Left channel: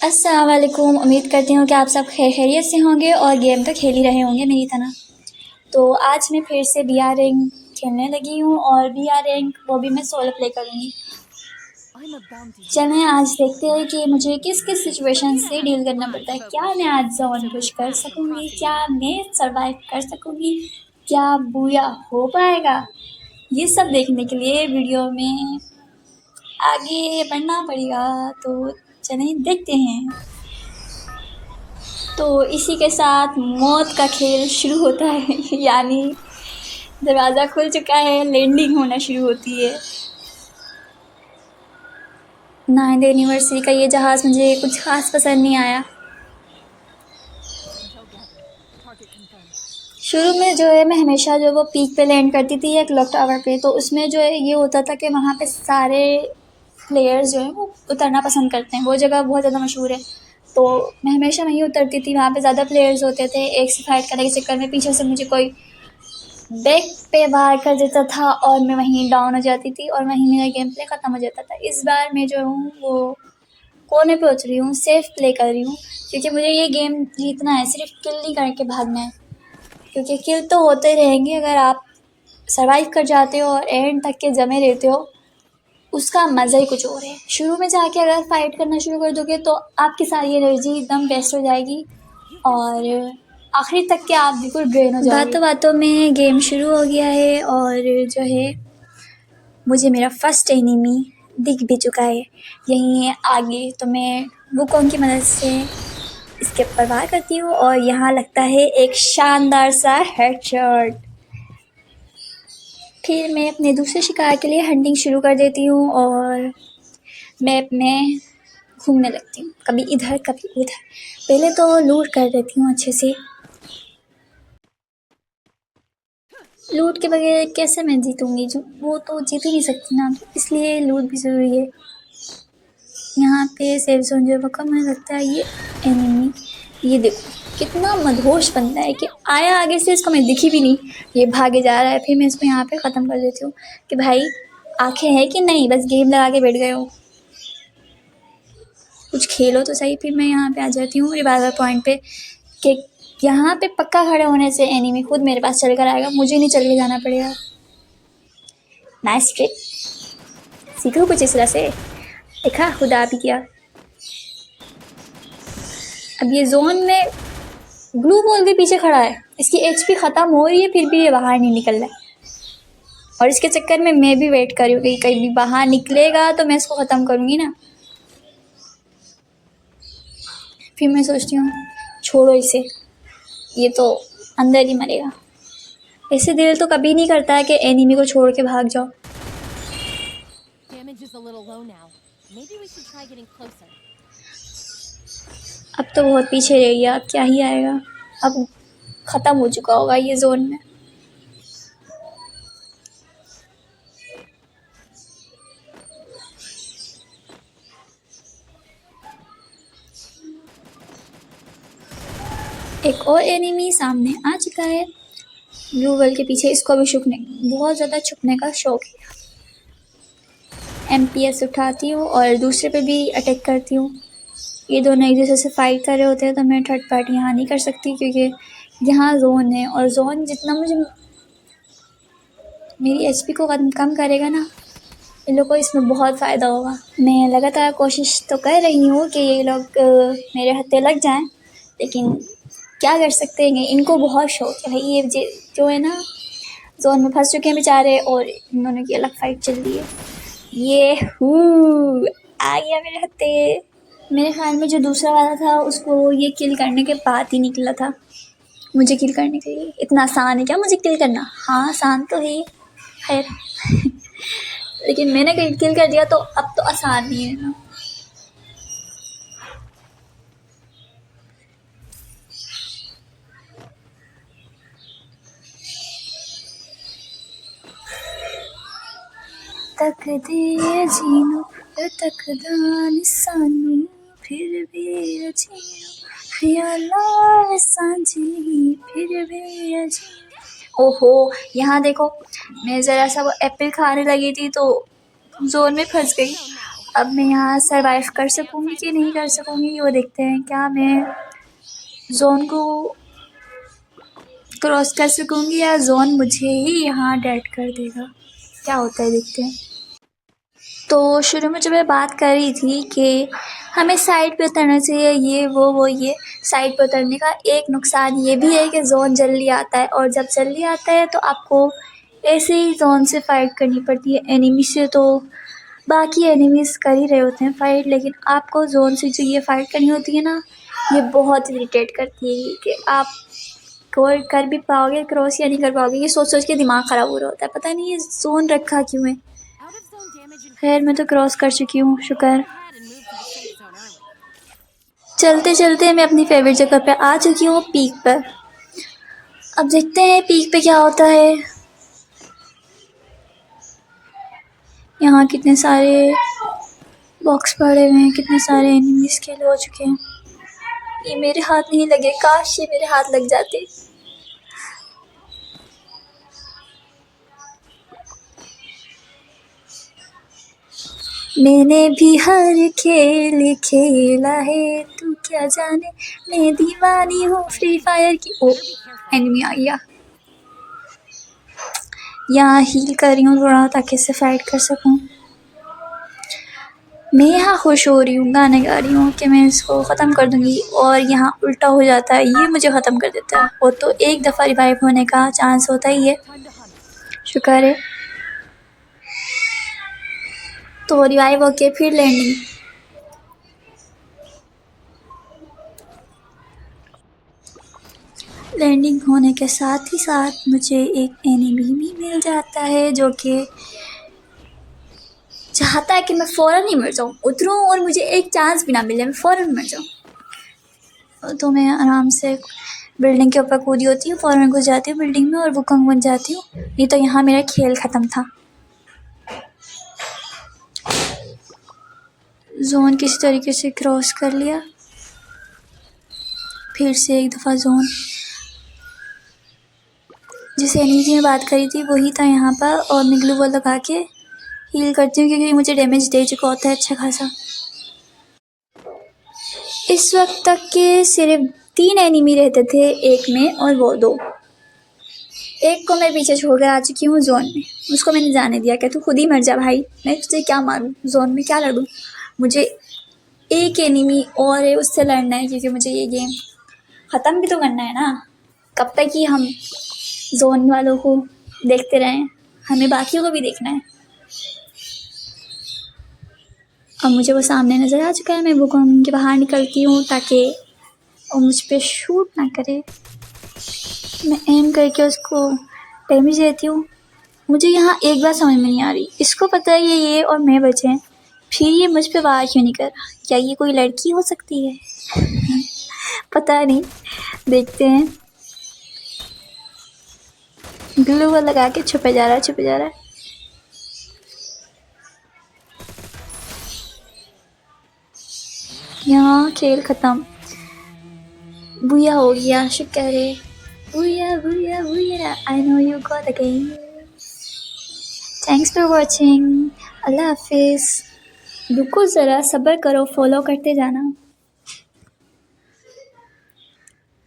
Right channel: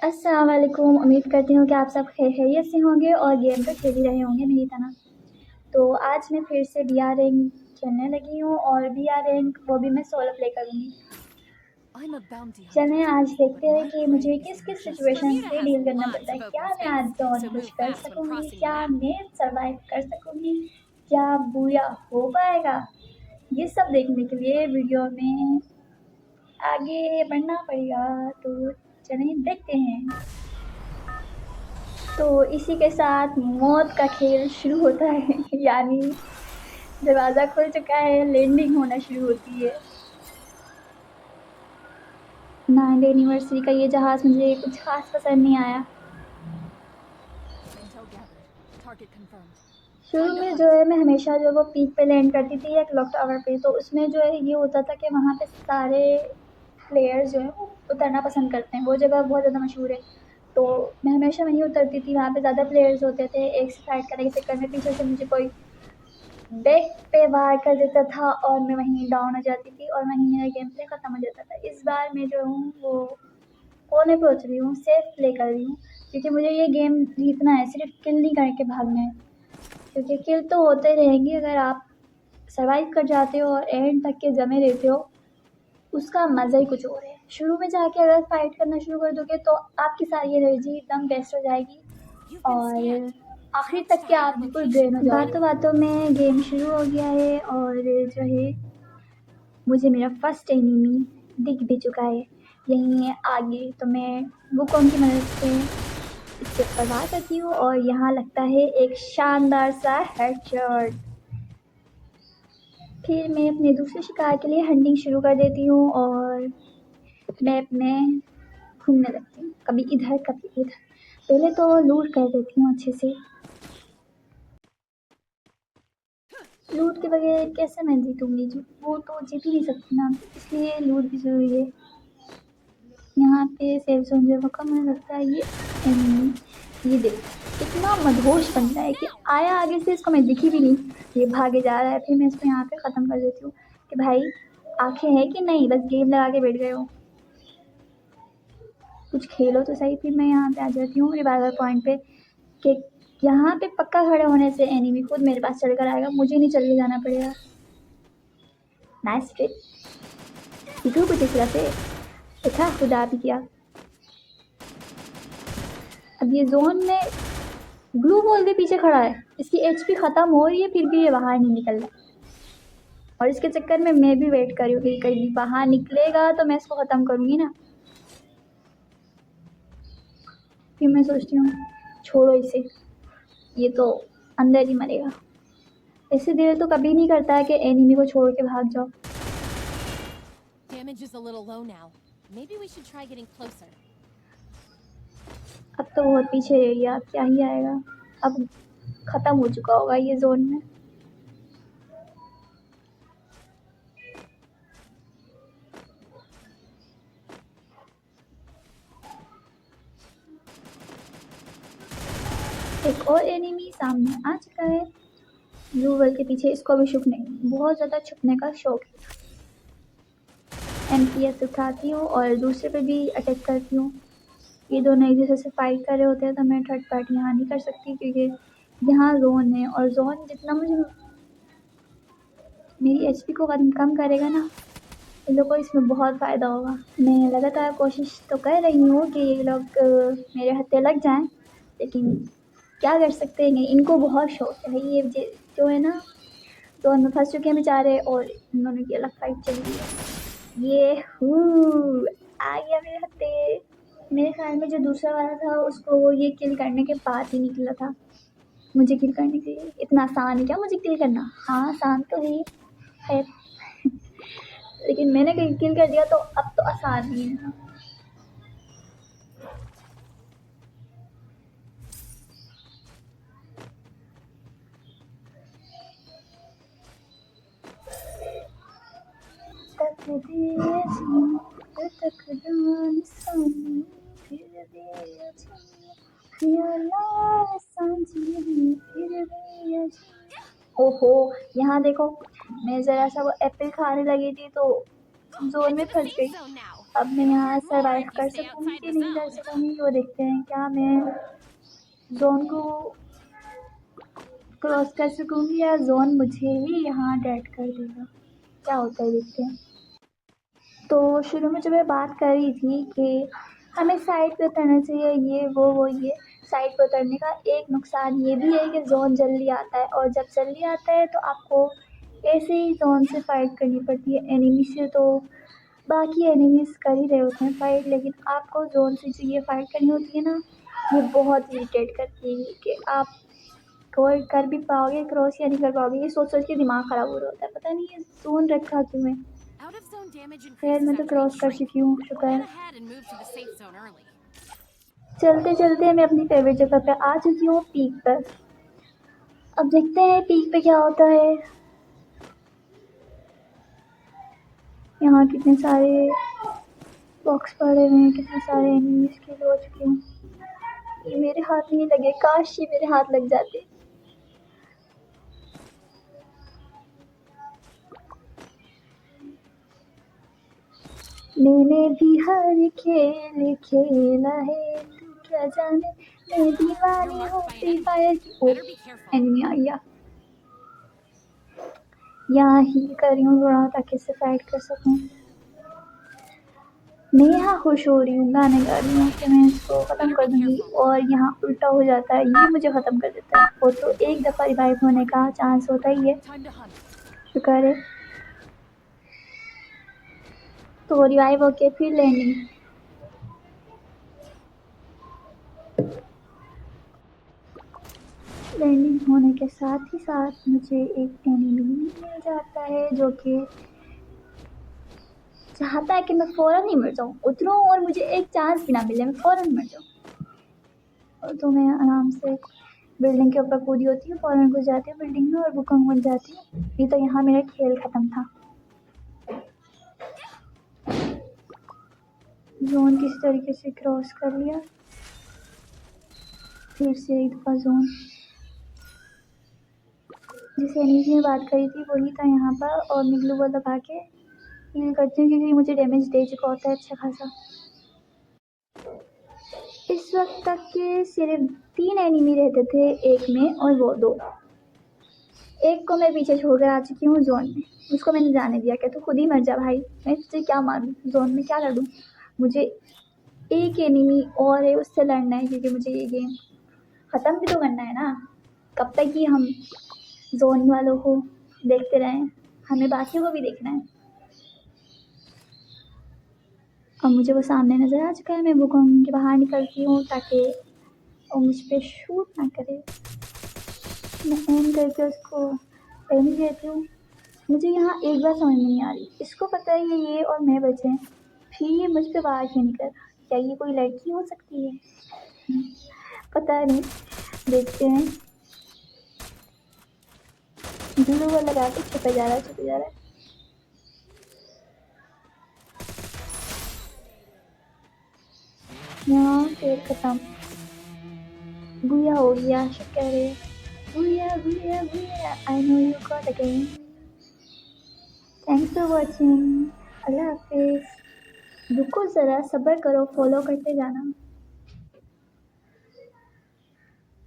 अस्सलाम वालेकुम। उम्मीद करती हूँ कि आप सब खैरियत से होंगे और गेम तो खेल ही रहे होंगे मेरी तरह। तो आज मैं फिर से बीआर रैंक खेलने लगी हूँ और बीआर रैंक वो भी मैं सोलो प्ले करूँगी। चलें आज देखते हैं कि मुझे किस किस सिचुएशन से डील करना पड़ता है। क्या मैं आज जोन पुश कर सकूँगी, क्या मैं सर्वाइव कर सकूँगी, क्या बूया हो पाएगा। ये सब देखने के लिए वीडियो में आगे बढ़ना पड़ेगा। तो चलें देखते हैं। तो इसी के साथ मौत का खेल शुरू होता है यानी दरवाज़ा खुल चुका है, लैंडिंग होना शुरू होती है। 9th एनिवर्सरी का ये जहाज़ मुझे कुछ खास पसंद नहीं आया। शुरू में जो है मैं हमेशा जो वो पीक पे लैंड करती थी एक क्लॉक टावर पे, तो उसमें जो है ये होता था कि वहाँ पे सारे प्लेयर्स जो हैं वो उतरना पसंद करते हैं। वो जगह बहुत ज़्यादा मशहूर है, तो मैं हमेशा वहीं उतरती थी। वहाँ पे ज़्यादा प्लेयर्स होते थे, एक से फाइट करने के चक्कर में पीछे से मुझे कोई बैक पे वार कर देता था और मैं वहीं डाउन हो जाती थी और वहीं मेरा गेम प्ले ख़त्म हो जाता था। इस बार मैं जो हूँ वो कोने पे उतरी हूँ, सेफ प्ले कर रही हूँ, क्योंकि मुझे ये गेम जीतना है, सिर्फ किल नहीं करके भागना है। क्योंकि किल तो होते रहेंगे अगर आप सर्वाइव कर जाते हो और एंड तक के जमे रहते हो, उसका मज़ा ही कुछ और है। शुरू में जाके अगर फाइट करना शुरू कर दोगे तो आपकी सारी एनर्जी एकदम वेस्ट हो जाएगी और आखिरी तक के आप बिल्कुल ड्रेन हो जाओगे। बातों बातों में गेम शुरू हो गया है और जो है मुझे मेरा फर्स्ट एनिमी दिख भी चुका है, यहीं है आगे। तो मैं वुकोंग की मदद से इसके ऊपर वार करती हूँ और यहाँ लगता है एक शानदार सा हेडशॉट। फिर मैं अपने दूसरे शिकार के लिए हंटिंग शुरू कर देती हूँ और मैप में घूमने लगती हूँ, कभी इधर कभी उधर। पहले तो लूट कर देती हूँ अच्छे से। लूट के बगैर कैसे मैं जीतूँगी, जो वो तो जीत ही नहीं सकती ना, तो इसलिए लूट भी ज़रूरी है। यहाँ पे सेफ जोन जो है मुझे लगता है ये एनिमी, ये देखो कितना मदहोश बनता है कि आया आगे से, इसको मैं दिखी भी नहीं, ये भागे जा रहा है। फिर मैं इसको यहाँ पे ख़त्म कर देती हूँ कि भाई आंखें हैं कि नहीं, बस गेम लगा के बैठ गए हो, कुछ खेलो तो सही। फिर मैं यहाँ पे आ जाती हूँ रिवाइवल पॉइंट पे कि यहाँ पे पक्का खड़े होने से एनिमी खुद मेरे पास चल कर आएगा, मुझे नहीं चल के जाना पड़ेगा। नाइस ट्रिक, सीखो कुछ इस तरह से, देखा खुदा भी किया। अब ये जोन में ग्लू बॉल के पीछे खड़ा है, इसकी एचपी ख़त्म हो रही है फिर भी ये बाहर नहीं निकल रहा है, और इसके चक्कर में मैं भी वेट कर रही हूँ कि कहीं भी बाहर निकलेगा तो मैं इसको ख़त्म करूँगी ना। फिर मैं सोचती हूँ छोड़ो इसे, ये तो अंदर ही मरेगा। ऐसे दिल तो कभी नहीं करता है कि एनिमी को छोड़ के भाग जाओ। अब तो बहुत पीछे रह गया, अब क्या ही आएगा, अब ख़त्म हो चुका होगा ये जोन में। एक और एनिमी सामने आ चुका है ब्लू वर्ल्ड के पीछे। इसको भी छुपने, बहुत ज़्यादा छुपने का शौक है। एमपीएस उठाती हूँ और दूसरे पे भी अटैक करती हूँ। ये दोनों एक दूसरे से फाइट कर रहे होते हैं, तो मैं थर्ड पार्टी यहाँ नहीं कर सकती क्योंकि यहाँ जोन है, और जोन जितना मुझे मेरी एचपी को कम करेगा ना, इन लोगों को इसमें बहुत फ़ायदा होगा। मैं लगातार कोशिश तो कर रही हूँ कि ये लोग मेरे हत्थे लग जाएं, लेकिन क्या कर सकते हैं, इनको बहुत शौक है भाई। ये जो है ना जोन में फंस चुके हैं बेचारे, और इन दोनों की अलग फाइट चल रही है। ये आ गया मेरे हत्थे। मेरे ख्याल में जो दूसरा वाला था उसको ये किल करने के बाद ही निकला था मुझे किल करने के लिए। इतना आसान है क्या मुझे किल करना? हाँ आसान तो है, खैर लेकिन मैंने किल कर दिया तो अब तो आसान नहीं है ना। तक दे जीनो तक दान सानू फिर भी अजीनो ख्यालात सांझी फिर भी अजीनो। ओहो यहाँ देखो, मैं ज़रा सा वो एप्पल खाने लगी थी तो जोन में फंस गई। अब मैं यहाँ सरवाइव कर सकूँगी कि नहीं कर सकूँगी वो देखते हैं। क्या मैं जोन को क्रॉस कर सकूँगी या जोन मुझे ही यहाँ डेड कर देगा, क्या होता है देखते हैं। तो शुरू में जो मैं बात कर रही थी कि हमें साइड पे उतरना चाहिए, ये वो ये साइड पे उतरने का एक नुकसान ये भी है कि जोन जल्दी आता है, और जब जल्दी आता है तो आपको ऐसे ही जोन से फाइट करनी पड़ती है। एनिमी से तो बाकी एनिमीज़ कर ही रहे होते हैं फाइट, लेकिन आपको जोन से जो ये फाइट करनी होती है ना, ये बहुत इरिटेट करती है कि आप कर भी पाओगे क्रॉस या नहीं कर पाओगे, ये सोच सोच के दिमाग ख़राब हो रहा होता है। पता नहीं ये जोन रखा क्यों है। खैर मैं तो क्रॉस कर चुकी हूँ, शुक्र। चलते चलते मैं अपनी फेवरेट जगह पे आ चुकी हूँ, पीक पर। अब देखते हैं पीक पे क्या होता है। यहाँ कितने सारे बॉक्स पड़े हुए हैं, कितने सारे एनिमीज़ किल हो चुके हैं। ये मेरे हाथ नहीं लगे, काश ये मेरे हाथ लग जाते। मैंने भी हर खेल खेला है, तू क्या जाने, मैं दीवानी हूँ फ्री फायर की। ओ एनिमी आ गया। यहाँ हील कर रही हूँ थोड़ा ताकि इससे फाइट कर सकूँ। मैं यहाँ खुश हो रही हूँ, गाने गा रही हूँ कि मैं इसको ख़त्म कर दूँगी, और यहाँ उल्टा हो जाता है, ये मुझे ख़त्म कर देता है। वो तो एक दफ़ा रिवाइव होने का चांस होता ही है, शुक्र है। तो रिवाइव होके फिर लैंडिंग होने के साथ ही साथ मुझे एक एनिमी भी मिल जाता है जो कि चाहता है कि मैं फ़ौरन ही मर जाऊँ, उतरूँ और मुझे एक चांस भी ना मिले, मैं फ़ौरन मर जाऊँ। तो मैं आराम से बिल्डिंग के ऊपर कूदी होती हूँ, फ़ौरन घुस जाती हूँ बिल्डिंग में और वुकंग बन जाती हूँ। नहीं तो यहाँ मेरा खेल ख़त्म था। जोन किसी तरीके से क्रॉस कर लिया, फिर से एक दफ़ा जोन। जिस एनिमी की मैं बात करी थी वही था यहाँ पर, और मैं ग्लू वॉल लगा के हील करती हूँ क्योंकि मुझे डैमेज दे चुका होता है अच्छा खासा। इस वक्त तक के सिर्फ 3 एनिमी रहते थे एक में, और वो 2। एक को मैं पीछे छोड़ कर आ चुकी हूँ जोन में, उसको मैंने जाने दिया कि तू खुद ही मर जा भाई, मैं तुझे क्या मारूँ, जोन में क्या लड़ूँ। मुझे एक एनिमी और है, उससे लड़ना है क्योंकि मुझे ये गेम ख़त्म भी तो करना है ना। कब तक ही हम जोन वालों को देखते रहें, हमें बाकियों को भी देखना है। अब मुझे वो सामने नज़र आ चुका है, मैं वुकंग के बाहर निकलती हूँ ताकि वो मुझ पर शूट ना करे। मैं एम करके उसको डैमेज देती हूँ। मुझे यहाँ एक बात समझ में नहीं आ रही, इसको पता है ये और मैं बचे हैं, फिर ये मुझ पे वार क्यों नहीं कर रहा। क्या ये कोई लड़की हो सकती है? पता नहीं, देखते हैं। ग्लू लगा के छुपे जा रहा है। यहाँ खेल ख़त्म, बुया हो गया, शुक्र है। बुया बुया बुया, I know you got the game. Thanks for watching, अल्लाह हाफिज़। रुको ज़रा, सब्र करो, फॉलो करते जाना।